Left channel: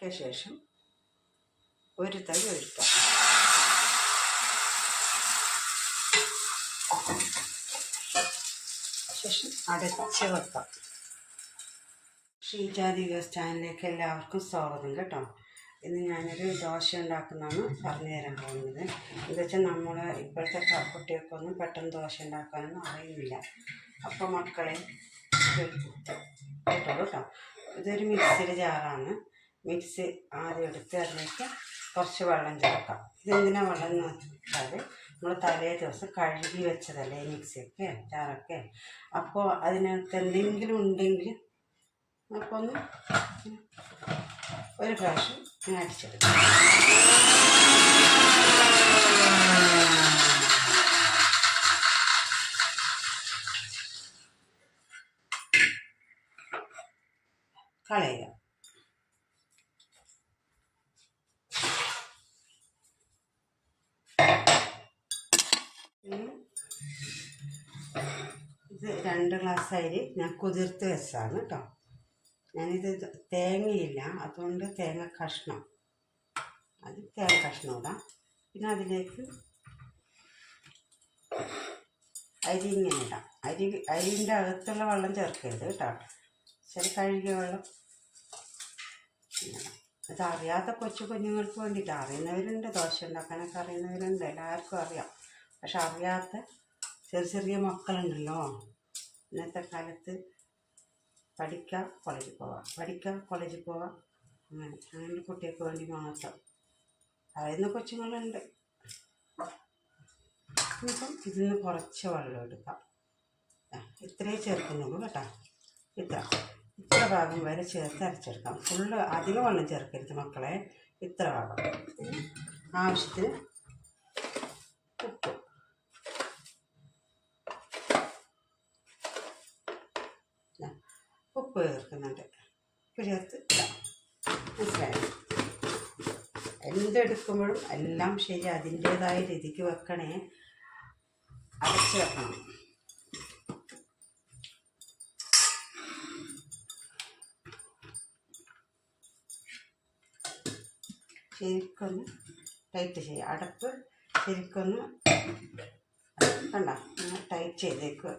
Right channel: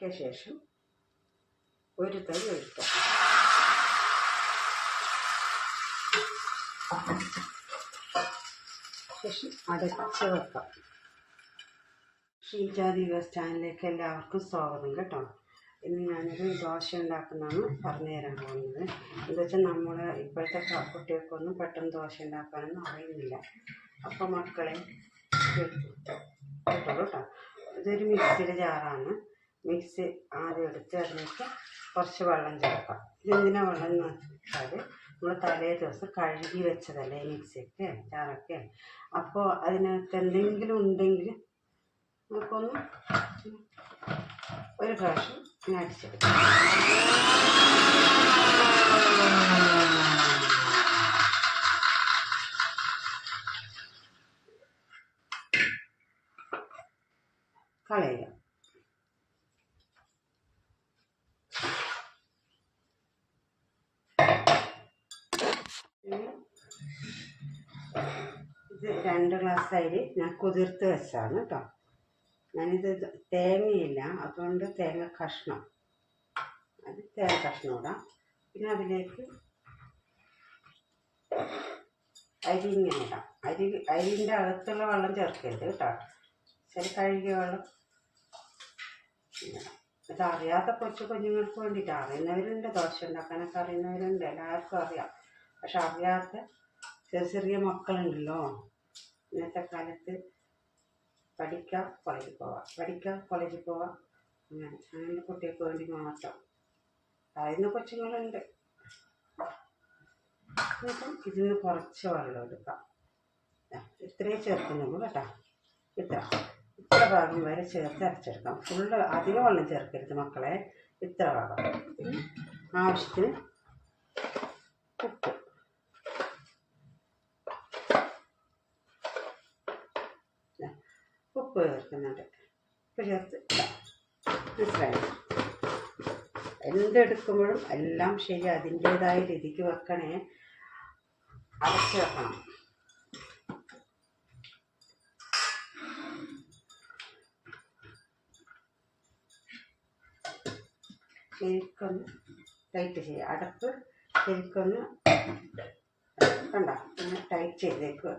ഇളക്കിയ ശേഷം ഒരു തരി ഒഴിക്കാം. ശേഷം അടച്ച് വെക്കാം. ശ്രീജാതി ചാനലിലേക്ക് എല്ലാവർക്കും സ്വാഗതം കേട്ടോ. ഇന്ന് ഞാനൊരു ദോശ ഉണ്ടാക്കുന്നതാണ് പറഞ്ഞു തരാൻ പോകുന്നത്. എന്താ വെച്ചാൽ നമ്മൾ ഇപ്പോഴത്തെ കുട്ടികൾക്കൊന്നും പെട്ടെന്ന് ദോശ ഉണ്ടാക്കാനൊന്നും അറിയുന്നില്ല. അപ്പോൾ മക്കളെ കേട്ടോ കേട്ടോ. ഇതൊരു മിക്സിയുടെ ജാറാണ്. മിക്സി ആദ്യം എടുത്ത് അതിലേക്ക് കുറച്ച് വെള്ളം ചേർക്കാം. ഇതെന്തിനാ വെള്ളം എന്ന് വെച്ചാൽ നമ്മൾ തലേ ദിവസം കഴുകി വെച്ചതല്ലേ മിക്സിയൊക്കെ ചാറൊക്കെ അപ്പോൾ അതിനകത്ത് എന്തെങ്കിലും ഉണ്ടെങ്കിൽ നമുക്കൊന്ന് ഒരു പ്രാവശ്യം ഇങ്ങനെ അടിച്ചെടുക്കാം. കളയുക പിന്നെ ഇത് രണ്ട് ഗ്ലാസ് അരി ഞാൻ കുതിർത്ത് വെച്ചാണ് കേട്ടോ. ഞാനിത് തേങ്ങയില്ല അതുകൊണ്ട് തേങ്ങ കഷ്ണം. അത് തേങ്ങ കഷ്ണം ഇടാം. പിന്നെ അതിലേക്ക് അരി ഇങ്ങനെ ഇടാം. അരി അരിന്റെ അകത്തുള്ള വെള്ളം ചേർക്കരുത് കേട്ടോ. ശരി കഴുകിയ വെള്ളം. ഇത് അറിയാത്ത കൊച്ചു കുഞ്ഞുങ്ങൾക്ക് വേണ്ടിയിട്ട് അറിയുന്നവരുണ്ട് ദോശ ഉണ്ടാക്കാനൊക്കെ അറിയുന്നവരുണ്ട് എല്ലാവർക്കും അറിയാം. പക്ഷെ അറിയാത്ത ചെറിയ ചെറിയ മക്കളുണ്ടല്ലോ. ഇന്നത്തെ കാലത്ത് പഠിക്കാം കോളേജിൽ പോവാം. പഠിക്കാം കോളേജിൽ പോവാം. അങ്ങനെ അങ്ങനെ കുട്ടികൾക്ക് വേണ്ടി മാത്രം. പറയുന്ന കൊച്ചുങ്ങളുണ്ട്. ഇപ്പം ഇതിന് കുറച്ച് വെള്ളം എടുക്കാം. ഇത്രയും ചേർക്കുന്നുള്ളൂ കേട്ടോ. ഇത്ര. ഇത്ര ഭാഗം വരെ ചേർത്ത് അരച്ചെടുക്കാം. ഫുള്ള് അധികം വെള്ളം ചേർക്കരുത് മക്കളെ. ഇത്ര ഭാഗം. ആവശ്യത്തിന് ഉപ്പ് ദാ, ഉപ്പ് ചേർക്കുന്നുണ്ട് ഉപ്പ് ചേർത്ത്. മനസ്സിലായോ? എന്തെടുക്കുമ്പോഴും എല്ലാം ശരി അതിന്റേതായ രീതിക്ക് വെക്കണേ അടച്ച് വെക്കണം. ശരിക്കൊന്ന് ടൈറ്റ് ചെയ്യുക അടപ്പ് ശരിക്കൊന്ന് കണ്ട ഒന്ന് ടൈറ്റ് ചെയ്തേക്ക്.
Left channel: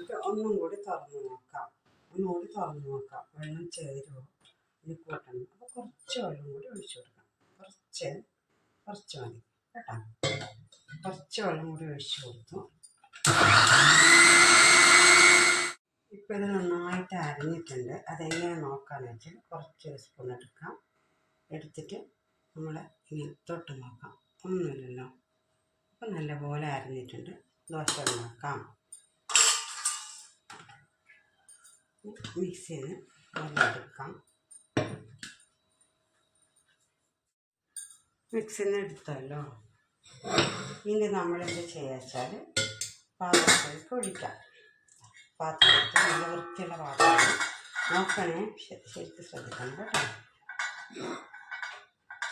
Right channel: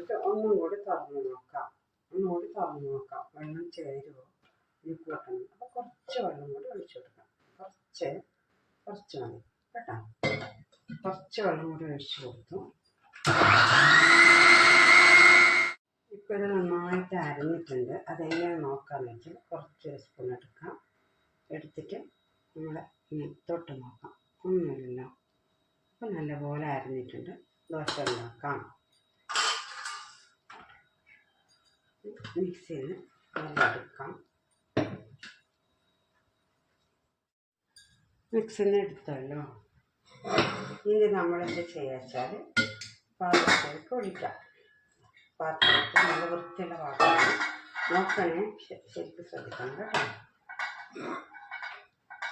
ഇത് ഒന്നും കൂടി തുറന്ന് നോക്കാം. ഒന്നും കൂടി തുറന്ന് നോക്കാം. വെള്ളം ചേരുമോ ഇത് കൂട്ടണം. അപ്പോൾ കുറച്ച് വെള്ളം കൂടി ഒഴിച്ചു കൊടുക്കാം. കുറച്ച് കുറച്ച് മതി. കേട്ടോ? കുറച്ച് വെള്ളം കൂടി ഒഴിച്ചു കൊടുത്തു. ഇപ്പോൾ ഇത് നന്നായിട്ട് അരഞ്ഞിട്ടുണ്ട്. അതെങ്ങനെ നോക്കാന്ന് വെച്ചാൽ കുറച്ച് സ്പൂൺ എടുക്കാം. എടുത്തിട്ട് നമ്മൾ ഇങ്ങനെ തൊട്ട് നോക്കാം. ഒന്നുമില്ലല്ലോ. അപ്പോൾ നല്ലപോലെ അരിഞ്ഞിട്ടുണ്ട്. ദോശ ഉണ്ടാക്കാം. മിക്സ് ചെയ്ത് എടുക്കാം മിക്സിൽ എടുത്തല്ലോ. ഇനി നമ്മളെന്ത് ചെയ്യുക വെച്ചാൽ പാത്രത്തിലേക്ക് ഒഴിക്കാം. പാത്രത്തിൽ നല്ല വൃത്തിയുള്ള പാത്രമാണ്. നോക്കണേ. ശരിക്കും ശ്രദ്ധിക്കണം കേട്ടോ.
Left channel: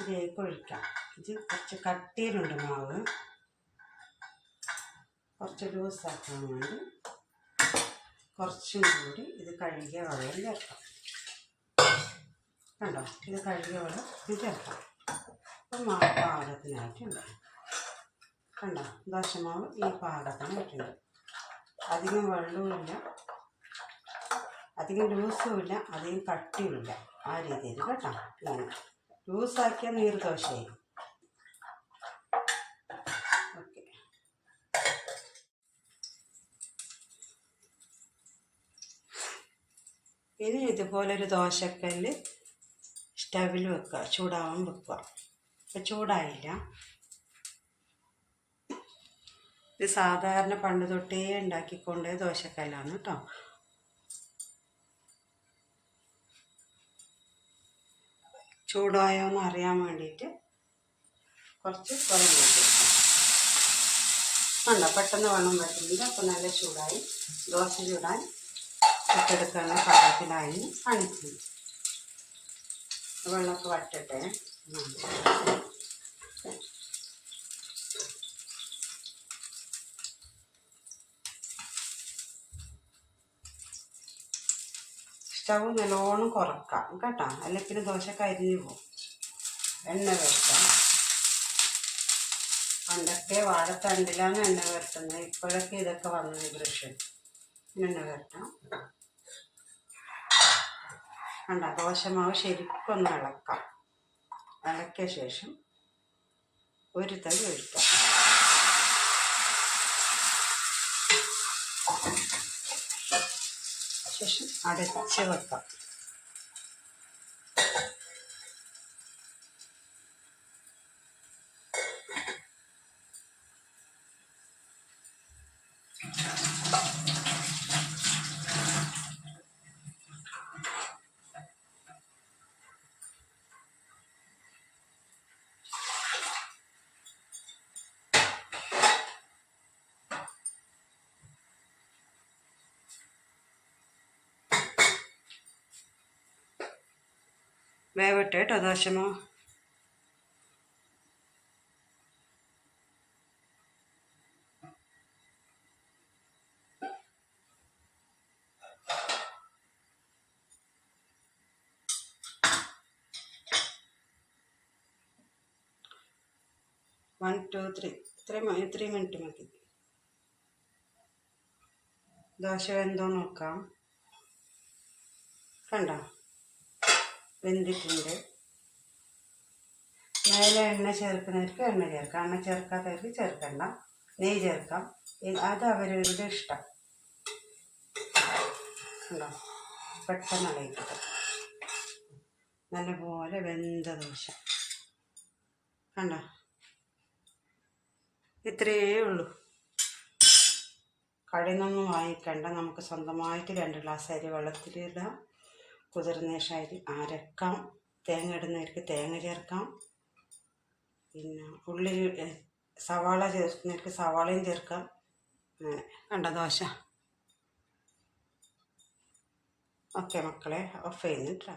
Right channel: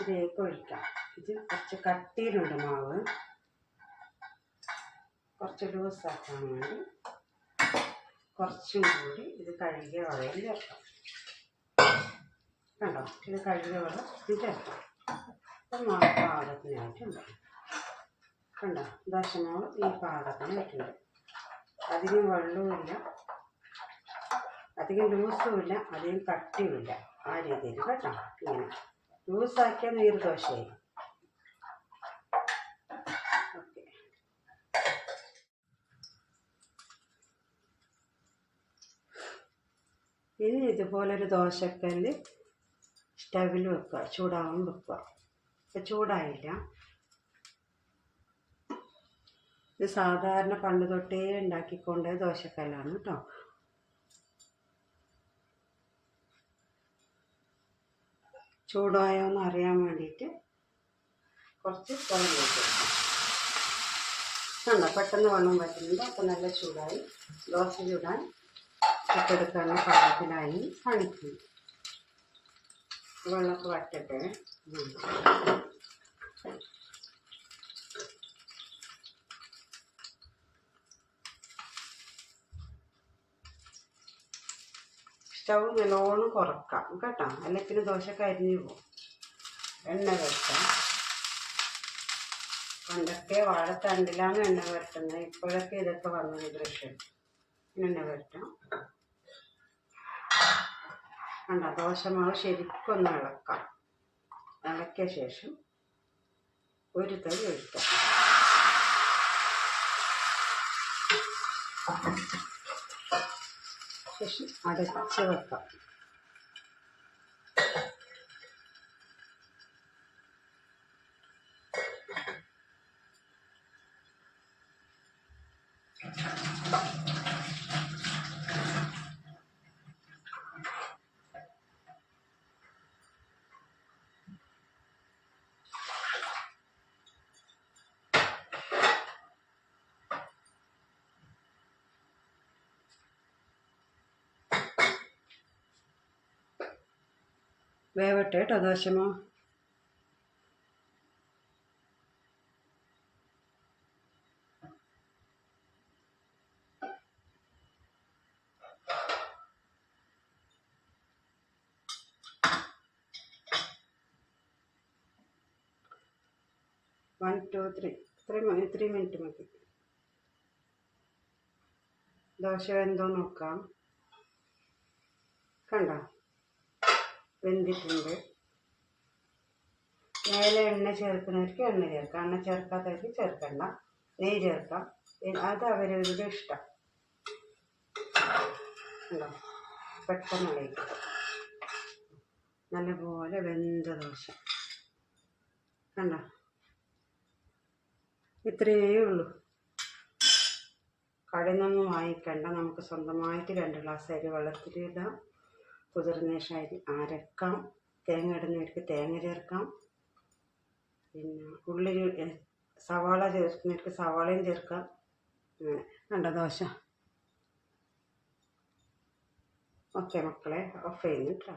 ഇതിലേക്ക് ഒഴിക്കാം. ഇത് കുറച്ച് കട്ടിയിലുണ്ട് മാവ്. കുറച്ച് ലൂസാക്കാൻ വേണ്ടി കുറച്ചും കൂടി ഇത് കഴുകിയ വെള്ളം ചേർക്കാം. കണ്ടോ? ഇത് കഴുകിയ ഇത് ചേർക്കാം. അപ്പം മാവ് പാകത്തിനായിട്ടുണ്ട്. കണ്ടോ? ദോശമാവ് ഈ പാകത്തിനായിട്ടുണ്ട്. അധികം വെള്ളവുമില്ല അധികം ലൂസുമില്ല അധികം കട്ടിയുമില്ല ആ രീതിയിൽ കേട്ടോ. ഇങ്ങനെ. ലൂസാക്കിയാൽ നീർദോശയായി ഓക്കെ ഇനി ഇതുപോലൊരു ദോശക്കല്ല് സ്റ്റവിൽ വെക്കുക ചൂടാവാൻ വെക്കുക. ഇപ്പം ചൂടായില്ല. ഇത് സാധാരണ പണ്ട് തൊട്ടേ ഉണ്ടാക്കിക്കൊണ്ട് ദോശക്കല്ലാണ് കേട്ടോ. ചൂടായോ എന്ന് അറിയാൻ വേണ്ടിയിട്ട് കുറച്ച് വെള്ളം കണ്ടോ പെട്ടെന്ന് വെള്ളം പറ്റുന്നുണ്ട് അപ്പം നല്ല ചൂടായി. ദോശ ചൂടാൻ ഇട്ടെടുക്കുന്ന പാകത്തിനായി കാണിക്കുന്നു വെള്ളമൊക്കെ വട്ടട്ടെ സ്റ്റൗ നല്ലോണം കുറക്കാം കേട്ടോ. അല്ലെ പിന്നെ ദോശ കരിഞ്ഞു പോകും എണ്ണ വരട്ടാം പണ്ടൊക്കെ വാഴത്തണ്ടിലാണ് എണ്ണ വരട്ടുന്നത് ഇപ്പോഴൊക്കെ ഇതൊക്കെ വന്നത് ദൃശ്യം എണ്ണ വരട്ടാം കണ്ട ദോശമാവ് ശരിക്കൊന്ന് ഇളക്കാം. ഇളക്കിയ ശേഷം ഒരു തവി ഒഴിക്കാം. ശേഷം അടച്ച് വെക്കാം. വേവട്ടെ കേട്ടോ ദോശമോ one two three three three minute മതി. ദോശ എന്തോ നോക്കാം. കണ്ടോ? വെന്തിട്ടുണ്ട്. മേലെ എണ്ണ ചേർക്കുന്നവർക്ക് എണ്ണ ചേർക്കാം. എണ്ണ ചേർക്കാത്തവർക്ക് ചേർക്കണ്ട നെയ്യ് ചേർക്കാം. അത് അവരവരുടെ ഇഷ്ടം. ഉണ്ടോ? പെട്ടെന്ന് നല്ലപോലെ വെന്ത ദോശ. കണ്ടോ? ഇത്രയേ ഉള്ളൂ. കടയിൽ നിന്നൊന്നും വാങ്ങിക്കണ്ട. നമുക്ക് സ്വന്തമായിട്ട് രണ്ട് ഗ്ലാസ് അരി വെള്ളത്തിലിടാം. കുതിർന്ന ശേഷം അരി അരക്കാം. തേങ്ങ ഇടുന്നവർക്ക് തേങ്ങ ചേർക്കാം. പിന്നെ ഉള്ളി സവാള ചേർക്കുന്നവർക്ക് സവാളയും ചേർക്കാം. കണ്ട ദോശ? ഓക്കെ മക്കളെ ഓഫ് ചെയ്യുന്നു കേട്ടോ